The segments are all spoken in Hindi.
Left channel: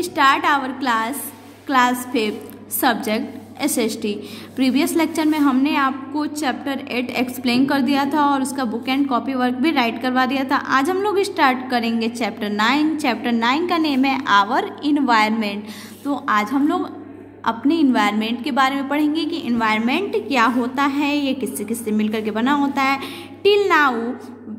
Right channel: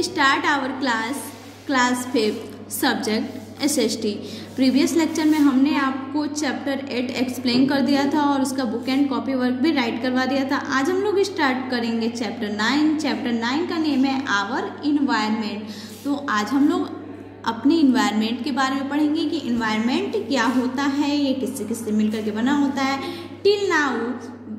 Start our class 5 subject SST। Previous lecture में हमने आपको चैप्टर 8 एक्सप्लेन कर दिया था और उसका बुक एंड कॉपी वर्क भी राइट करवा दिया था। आज हम लोग स्टार्ट करेंगे चैप्टर 9। चैप्टर 9 का नेम है आवर इन्वायरमेंट। तो आज हम लोग अपने इन्वायरमेंट के बारे में पढ़ेंगे कि इन्वायरमेंट क्या होता है, ये किससे किससे मिलकर के बना होता है। Till now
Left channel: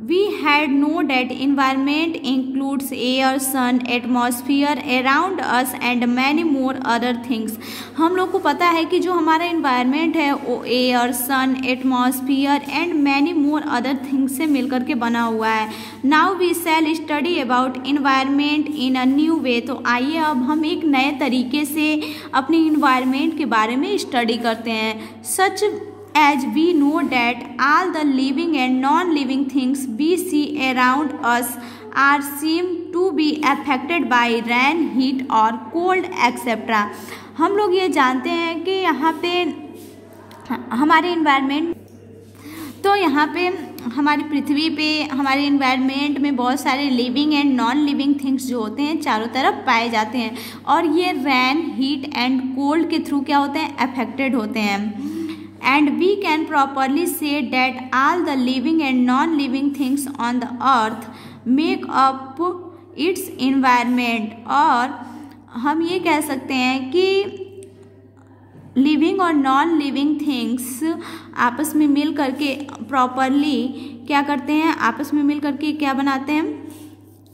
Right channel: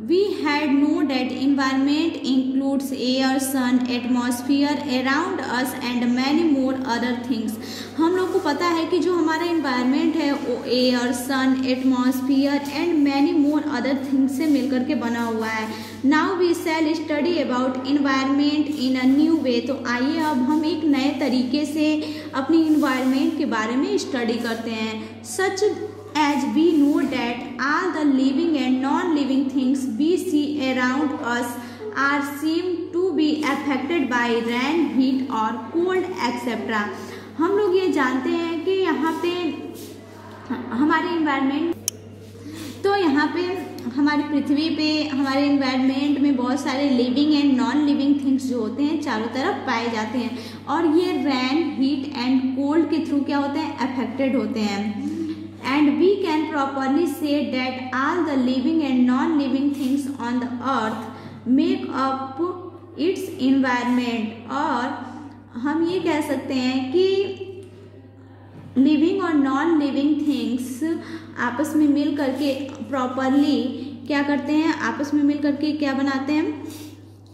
we had known that environment includes air, sun, atmosphere around us and many more other things। हम लोग को पता है कि जो हमारा environment है वो air, sun, atmosphere and many more other things से मिलकर के बना हुआ है। Now we shall study about environment in a new way। तो आइए अब हम एक नए तरीके से अपनी environment के बारे में स्टडी करते हैं। Such as we know that all the living and non-living things we see around us are seem to be affected by rain, heat or cold etc। हम लोग ये जानते हैं कि यहाँ पे हमारे इन्वायरमेंट, तो यहाँ पे हमारी पृथ्वी पे हमारे इन्वायरमेंट में बहुत सारे living and non living things जो होते हैं चारों तरफ पाए जाते हैं और ये रैन, हीट एंड कोल्ड के थ्रू क्या होते हैं, अफेक्टेड होते हैं। And we can properly say that all the living and non-living things on the earth make up its environment। और हम ये कह सकते हैं कि लिविंग और नॉन लिविंग थिंग्स आपस में मिल करके प्रॉपरली क्या करते हैं, आपस में मिल करके क्या बनाते हैं,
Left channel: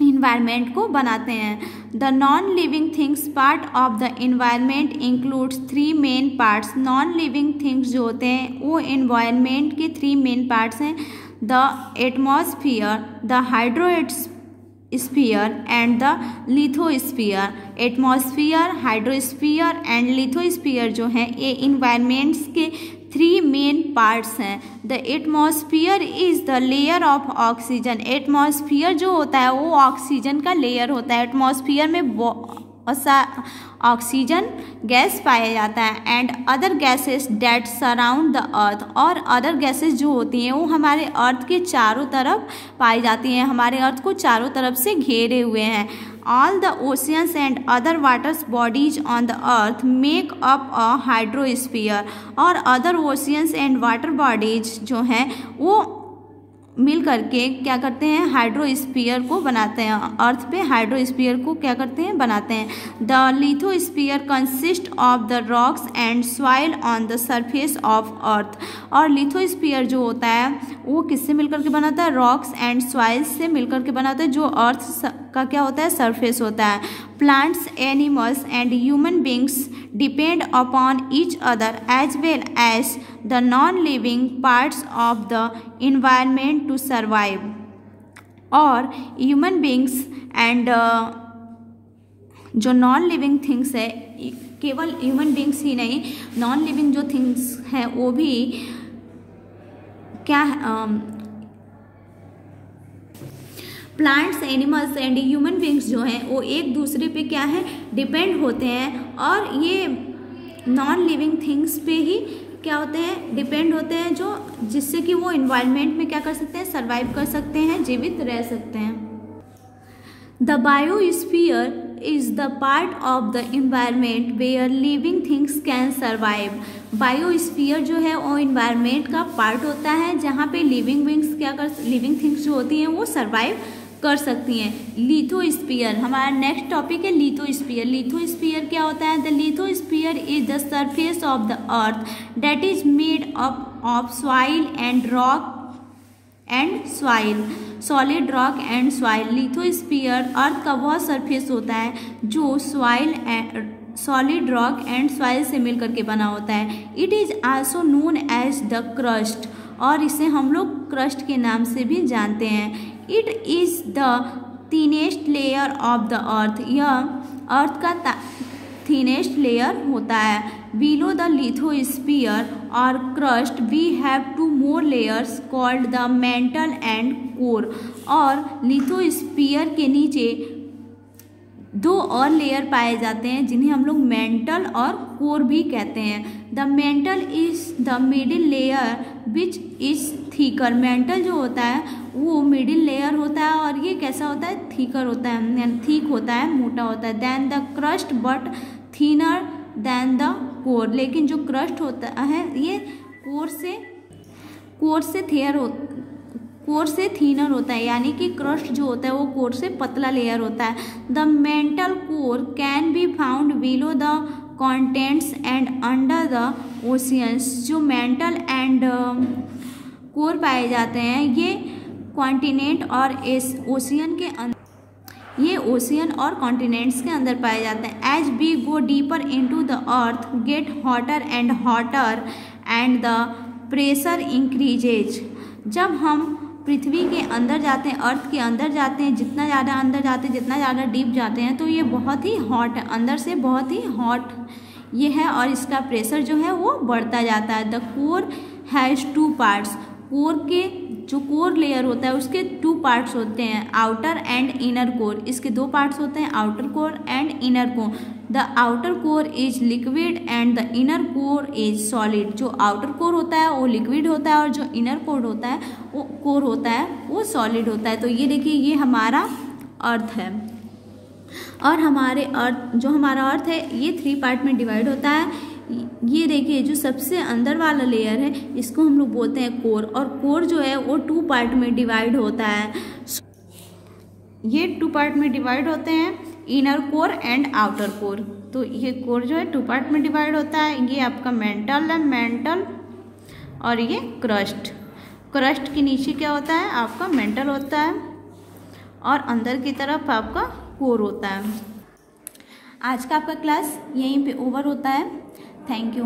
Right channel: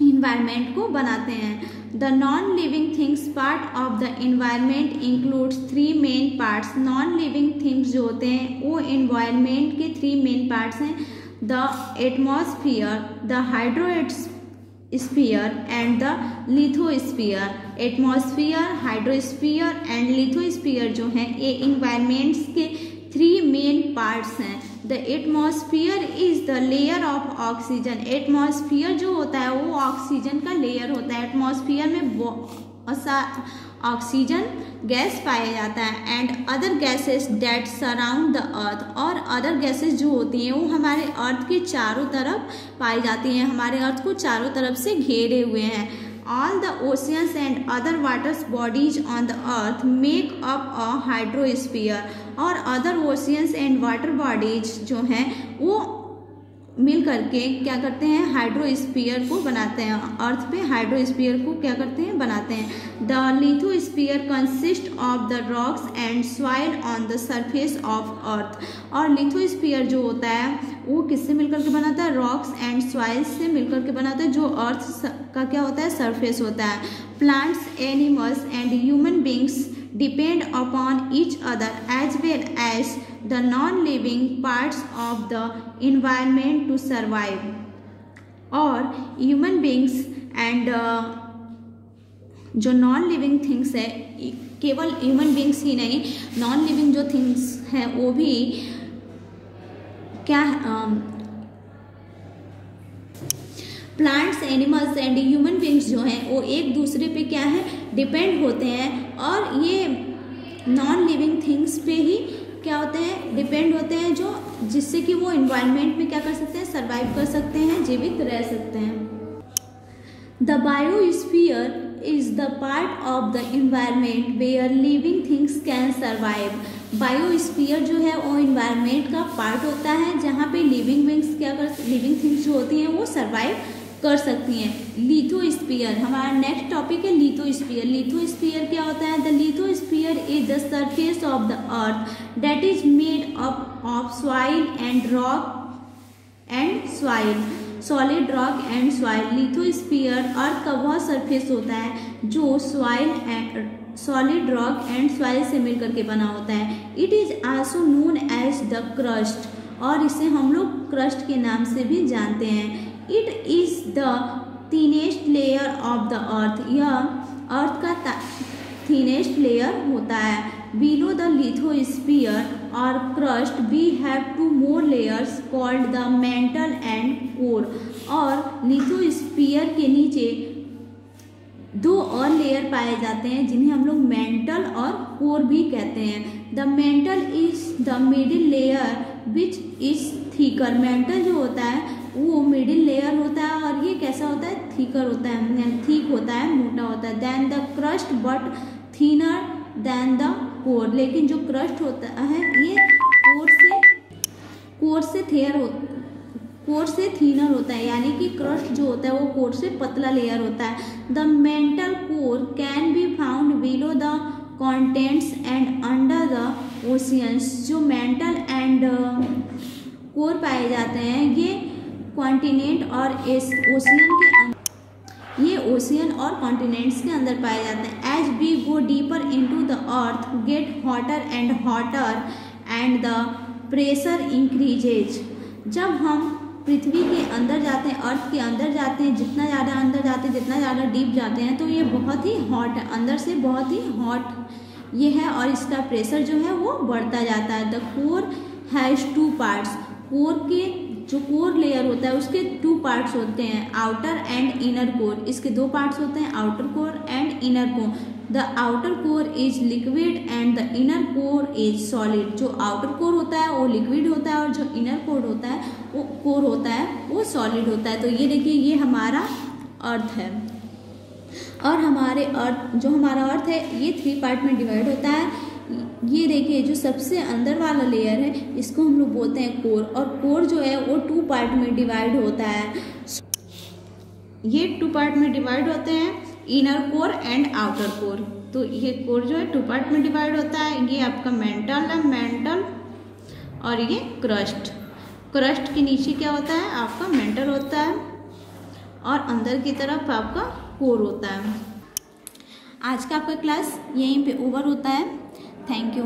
इन्वायरमेंट को बनाते हैं। The non living things part of the environment includes 3 main parts. Non living things जो होते हैं वो इन्वायरमेंट के 3 मेन पार्ट्स हैं। The atmosphere, the hydrosphere and the lithosphere. Atmosphere, hydrosphere and lithosphere जो हैं ये इन्वायरमेंट्स के 3 मेन पार्ट्स हैं। The atmosphere is the layer of oxygen. Atmosphere जो होता है वो ऑक्सीजन का लेयर होता है। एटमॉस्फियर में ऑक्सीजन गैस पाया जाता है and other gases that surround the earth. और अदर गैसेस जो होती हैं वो हमारे अर्थ के चारों तरफ पाई जाती हैं, हमारे अर्थ को चारों तरफ से घेरे हुए हैं। All the oceans and other water bodies on the earth make up a hydrosphere। और other oceans and water bodies जो हैं वो मिल करके क्या करते हैं, हाइड्रोस्फीयर को बनाते हैं। अर्थ पे हाइड्रोस्फीयर को क्या करते हैं, बनाते हैं। The lithosphere consist of the rocks and soil on the surface of earth. और लिथोस्फीयर जो होता है वो किससे मिलकर के बनाता है, रॉक्स एंड सॉइल से मिलकर के बनाता है, जो अर्थ का क्या होता है, सरफेस होता है। Plants, animals and human beings depend upon each other as well as the non-living parts of the environment to survive। और human beings and जो नॉन लिविंग थिंग्स है, केवल ह्यूमन बींग्स ही नहीं, नॉन लिविंग जो थिंग्स हैं वो भी क्या plants, animals and human beings जो हैं वो एक दूसरे पे क्या है, डिपेंड होते हैं। और ये नॉन लिविंग थिंग्स पे ही क्या होते हैं, डिपेंड होते हैं, जो जिससे कि वो इन्वायरमेंट में क्या कर सकते हैं, सर्वाइव कर सकते हैं, जीवित रह सकते हैं। The biosphere is the part of the environment where living things can survive. Biosphere जो है वो इन्वायरमेंट का पार्ट होता है जहाँ पे लिविंग थिंग्स जो होती हैं वो सर्वाइव कर सकती हैं। लिथोस्फीयर हमारा नेक्स्ट टॉपिक है, लिथोस्फीयर। लिथोस्फीयर क्या होता है, the lithosphere is the surface of the earth that is made up of soil and rock and soil, solid rock and soil. Lithosphere earth का वह सरफेस होता है जो सॉलिड रॉक एंड सॉइल से मिलकर के बना होता है। It is also known as the crust, और इसे हम लोग क्रस्ट के नाम से भी जानते हैं। It is the thinnest layer of the earth. यह अर्थ का थिनेस्ट लेयर होता है। बिलो द लिथोस्फीयर और crust we have 2 more layers called the mantle and core. और लिथोस्फीयर के नीचे 2 और लेयर पाए जाते हैं जिन्हें हम लोग मेंटल और कोर भी कहते हैं। The mental is the middle layer which is thicker. Mental जो होता है वो मिडिल लेयर होता है और ये कैसा होता है, थीकर होता है, ठीक होता है, मोटा होता है। Than the crust but thinner than the core. लेकिन जो क्रस्ट होता है ये कोर से थिनर होता है, यानी कि क्रस्ट जो होता है वो कोर से पतला लेयर होता है। The mantle core can be found below the contents and under the oceans. जो मेंटल एंड कोर पाए जाते हैं ये कॉन्टिनेंट और ओशियन के अंदर, ये ओशियन और कॉन्टिनेंट्स के अंदर पाए जाते हैं। As we go deeper into the earth get hotter and the pressure increases. जब हम पृथ्वी के अंदर जाते हैं, अर्थ के अंदर जाते हैं, जितना ज़्यादा अंदर जाते हैं, जितना ज़्यादा डीप जाते हैं, तो ये बहुत ही हॉट है, अंदर से बहुत ही हॉट ये है और इसका प्रेशर जो है वो बढ़ता जाता है। The core has 2 parts. Core के जो कोर लेयर होता है उसके 2 पार्ट्स होते हैं, आउटर एंड इनर कोर। इसके 2 पार्ट्स होते हैं, outer core and inner core. The outer core is liquid and the inner core is solid. जो आउटर कोर होता है वो लिक्विड होता है और जो इनर कोर होता है वो सॉलिड होता है। तो ये देखिए ये हमारा अर्थ है और हमारा अर्थ है ये 3 पार्ट में डिवाइड होता है। ये देखिए जो सबसे अंदर वाला लेयर है इसको हम लोग बोलते हैं कोर, और कोर जो है वो 2 पार्ट में डिवाइड होता है। ये 2 पार्ट में डिवाइड होते हैं, inner core and outer core. तो ये कोर जो है 2 पार्ट में डिवाइड होता है। ये आपका मेंटल और ये क्रस्ट। क्रस्ट के नीचे क्या होता है आपका मेंटल होता है और अंदर की तरफ आपका कोर होता है। आज का आपका क्लास यहीं पे ओवर होता है। Thank you.